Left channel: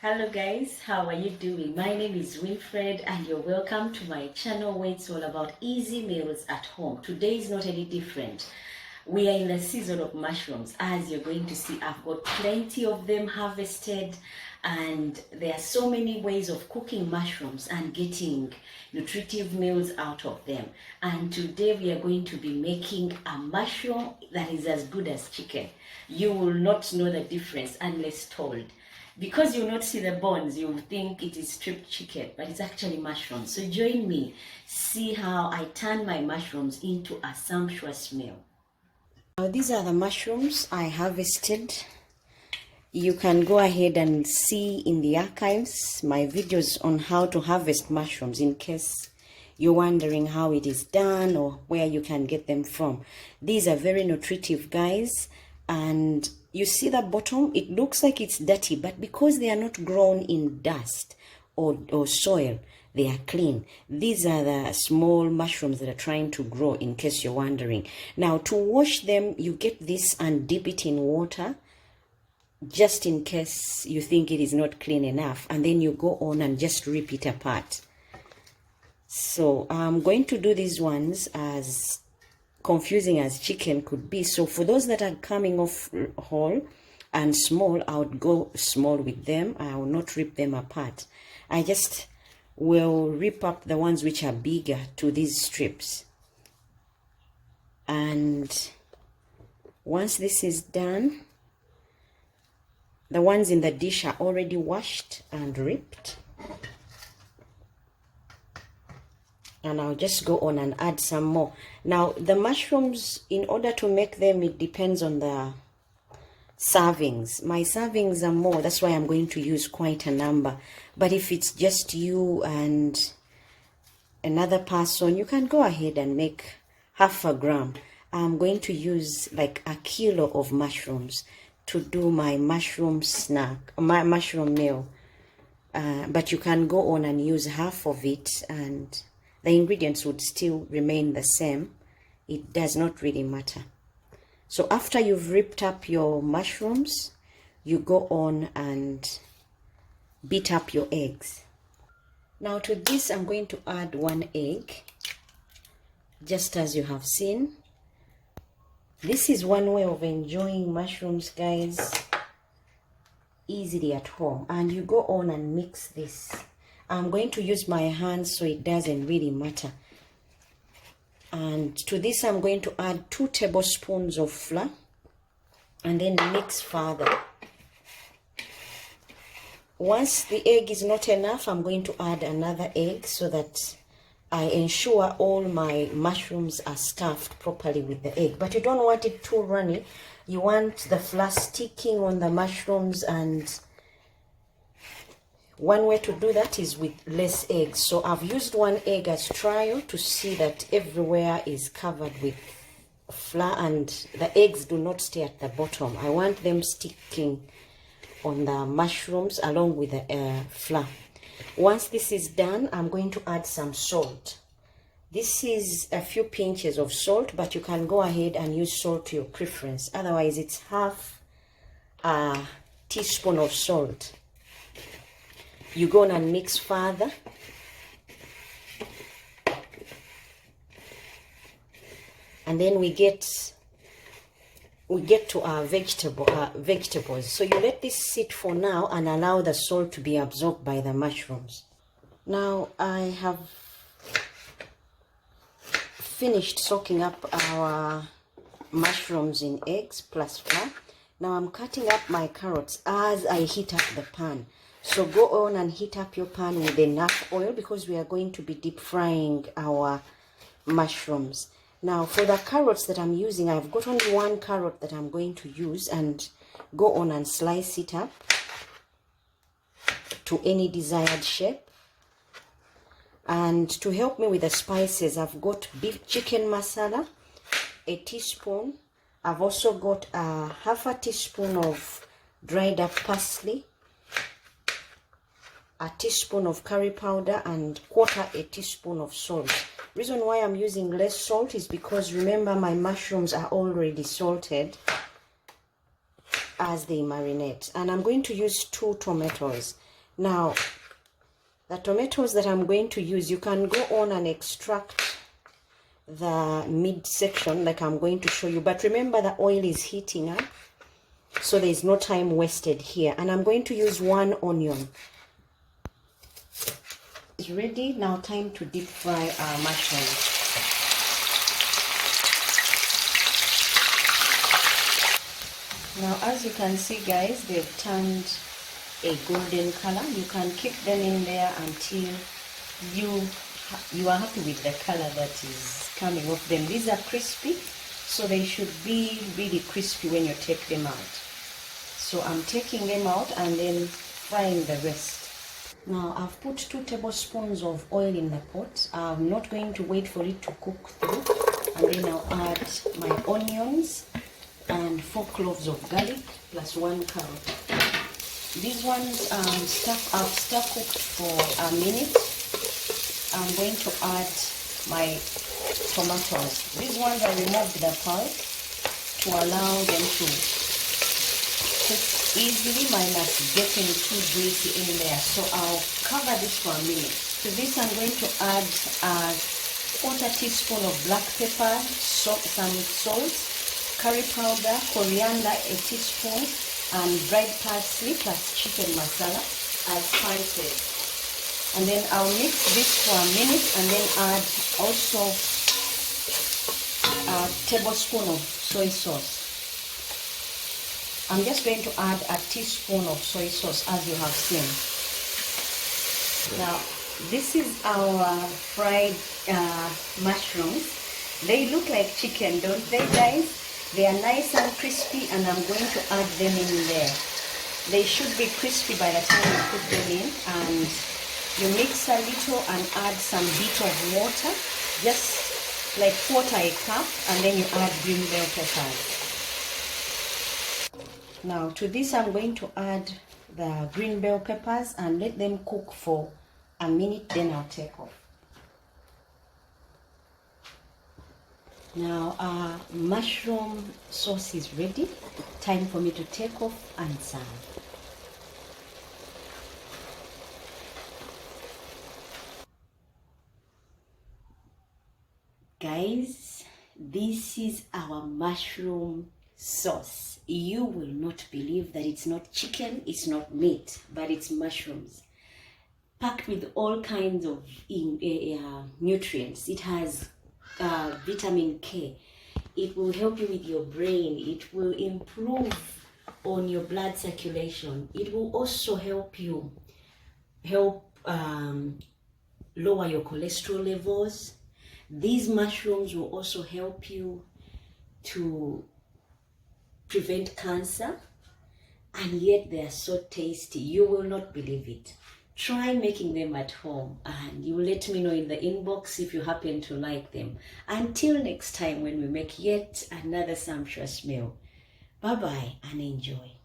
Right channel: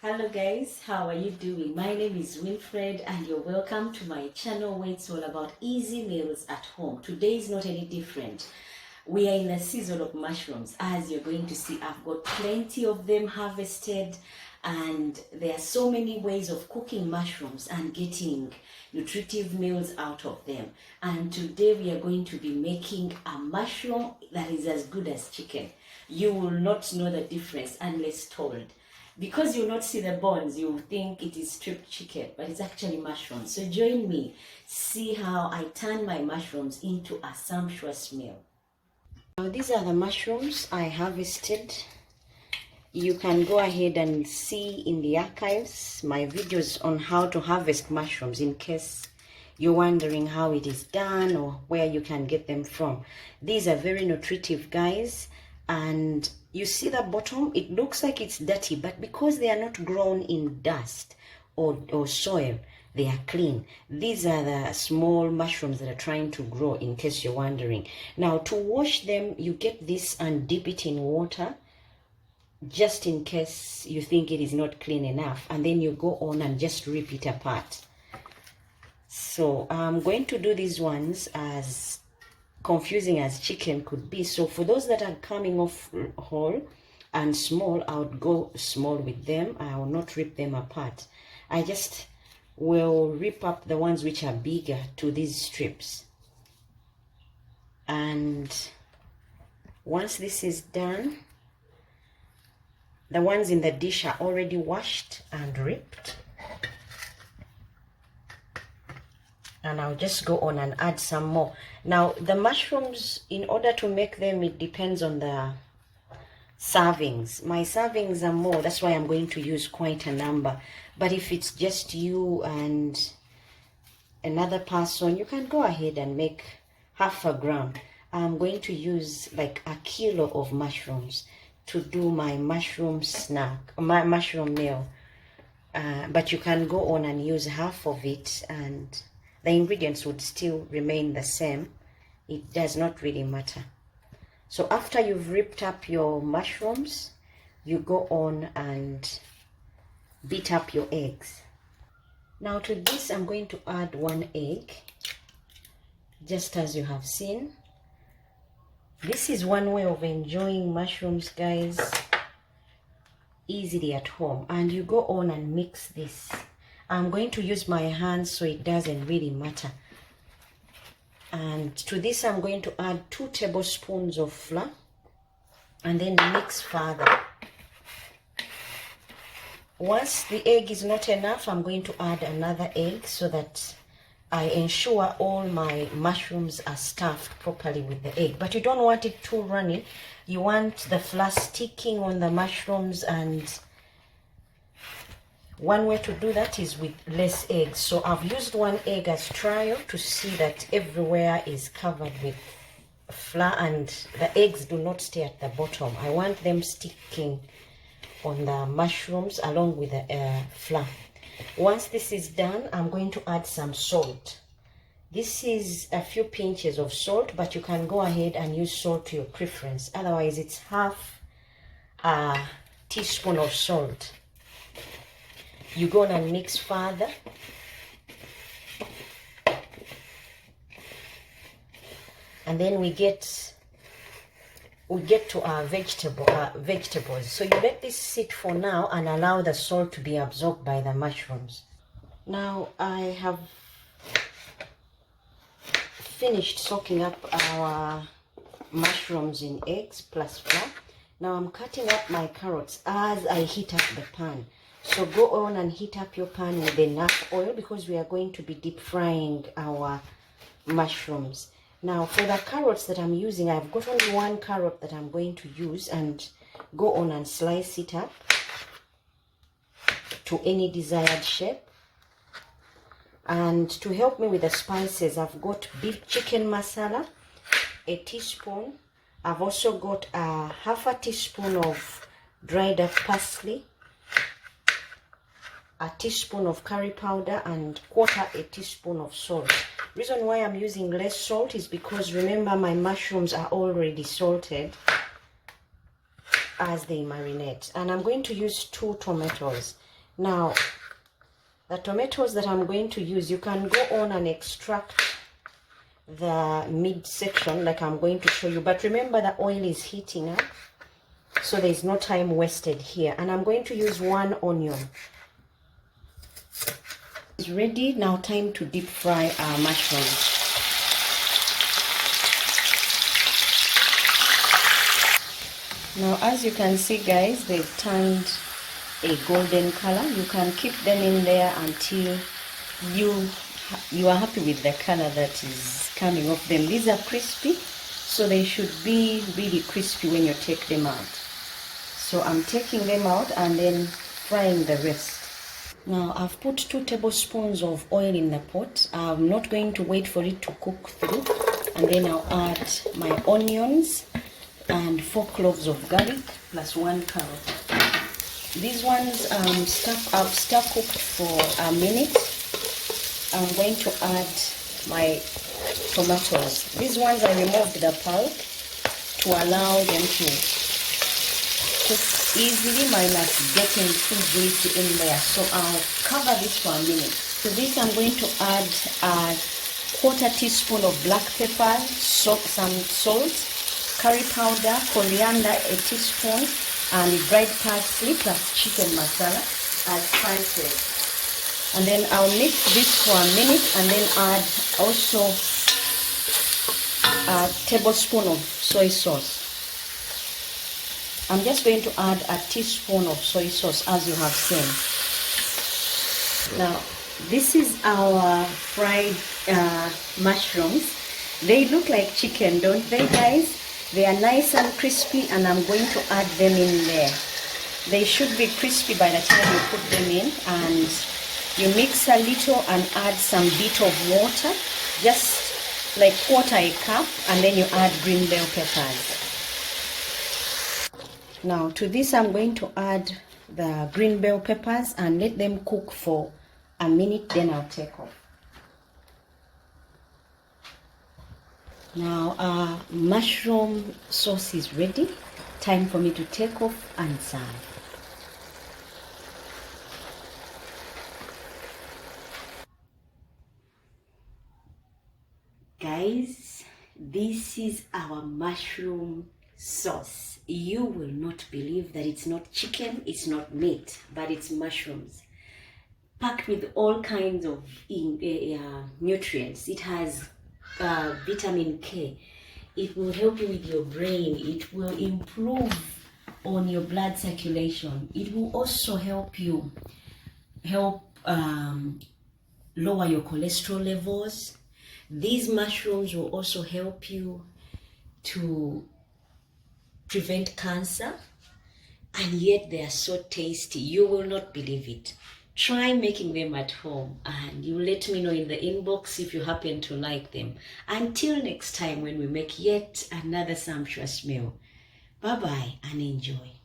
Hello guys, how are you doing? My name is Winfred and you're welcome to my channel where it's all about easy meals at home. Today is not any different. We are in the season of mushrooms. As you're going to see, I've got plenty of them harvested and there are so many ways of cooking mushrooms and getting nutritive meals out of them. And today we are going to be making a mushroom that is as good as chicken. You will not know the difference unless told. Because you'll not see the bones, you'll think it is stripped chicken, but it's actually mushrooms. So join me, see how I turn my mushrooms into a sumptuous meal. Now these are the mushrooms I harvested. You can go ahead and see in the archives my videos on how to harvest mushrooms in case you're wondering how it is done or where you can get them from. These are very nutritive, guys, and you see the bottom, it looks like it's dirty, but because they are not grown in dust or soil, they are clean. These are the small mushrooms that are trying to grow, in case you're wondering. Now to wash them, you get this and dip it in water, just in case you think it is not clean enough, and then you go on and just rip it apart. So I'm going to do these ones as confusing as chicken could be. So for those that are coming off whole and small, I would go small with them. I will not rip them apart. I just will rip up the ones which are bigger to these strips. And once this is done, the ones in the dish are already washed and ripped. And I'll just go on and add some more. Now the mushrooms, in order to make them, it depends on the servings. My servings are more, that's why I'm going to use quite a number. But if it's just you and another person, you can go ahead and make half a gram. I'm going to use like a kilo of mushrooms to do my mushroom snack, my mushroom meal. But you can go on and use half of it and the ingredients would still remain the same. It does not really matter. So after you've ripped up your mushrooms, you go on and beat up your eggs. Now to this, I'm going to add 1 egg, just as you have seen. This is one way of enjoying mushrooms, guys, easily at home. And you go on and mix this. I'm going to use my hands, so it doesn't really matter. And to this, I'm going to add 2 tablespoons of flour and then mix further. Once the egg is not enough, I'm going to add another egg so that I ensure all my mushrooms are stuffed properly with the egg. But you don't want it too runny. You want the flour sticking on the mushrooms, and one way to do that is with less eggs. So I've used 1 egg as trial to see that everywhere is covered with flour and the eggs do not stay at the bottom. I want them sticking on the mushrooms along with the flour. Once this is done, I'm going to add some salt. This is a few pinches of salt, but you can go ahead and use salt to your preference. Otherwise, it's half a teaspoon of salt. You go on and mix further. And then we get to our vegetables. So you let this sit for now and allow the salt to be absorbed by the mushrooms. Now I have finished soaking up our mushrooms in eggs plus flour. Now I'm cutting up my carrots as I heat up the pan. So go on and heat up your pan with enough oil because we are going to be deep frying our mushrooms. Now for the carrots that I'm using, I've got only 1 carrot that I'm going to use, and go on and slice it up to any desired shape. And to help me with the spices, I've got beef chicken masala, 1 teaspoon. I've also got half a teaspoon of dried up parsley, 1 teaspoon of curry powder, and 1/4 teaspoon of salt. Reason why I'm using less salt is because remember my mushrooms are already salted as they marinate. And I'm going to use 2 tomatoes. Now, the tomatoes that I'm going to use, you can go on and extract the midsection like I'm going to show you. But remember, the oil is heating up, so there's no time wasted here. And I'm going to use 1 onion. It's ready. Now time to deep fry our mushrooms. Now, as you can see, guys, they've turned a golden color. You can keep them in there until you are happy with the color that is coming off them. These are crispy, so they should be really crispy when you take them out. So I'm taking them out and then frying the rest. Now I've put 2 tablespoons of oil in the pot. I'm not going to wait for it to cook through, and then I'll add my onions and 4 cloves of garlic plus 1 carrot. These ones I've stuck cooked for a minute. I'm going to add my tomatoes. These ones I removed the pulp to allow them to cook easily minus getting too greasy in there. So I'll cover this for a minute. To this I'm going to add a 1/4 teaspoon of black pepper, some salt, curry powder, coriander 1 teaspoon, and dried parsley plus chicken masala as spices. And then I'll mix this for a minute and then add also a tablespoon of soy sauce. I'm just going to add a teaspoon of soy sauce, as you have seen. Now, this is our fried mushrooms. They look like chicken, don't they, guys? They are nice and crispy, and I'm going to add them in there. They should be crispy by the time you put them in, and you mix a little and add some bit of water, just like 1/4 cup, and then you add green bell peppers. Now to this I'm going to add the green bell peppers and let them cook for a minute, then I'll take off. Now our mushroom sauce is ready. Time for me to take off and serve. Guys, this is our mushroom sauce. You will not believe that it's not chicken, it's not meat, but it's mushrooms packed with all kinds of nutrients. It has vitamin K. It will help you with your brain. It will improve on your blood circulation. It will also help lower your cholesterol levels. These mushrooms will also help you to prevent cancer, and yet they are so tasty. You will not believe it. Try making them at home and you let me know in the inbox if you happen to like them. Until next time when we make yet another sumptuous meal. Bye bye and enjoy.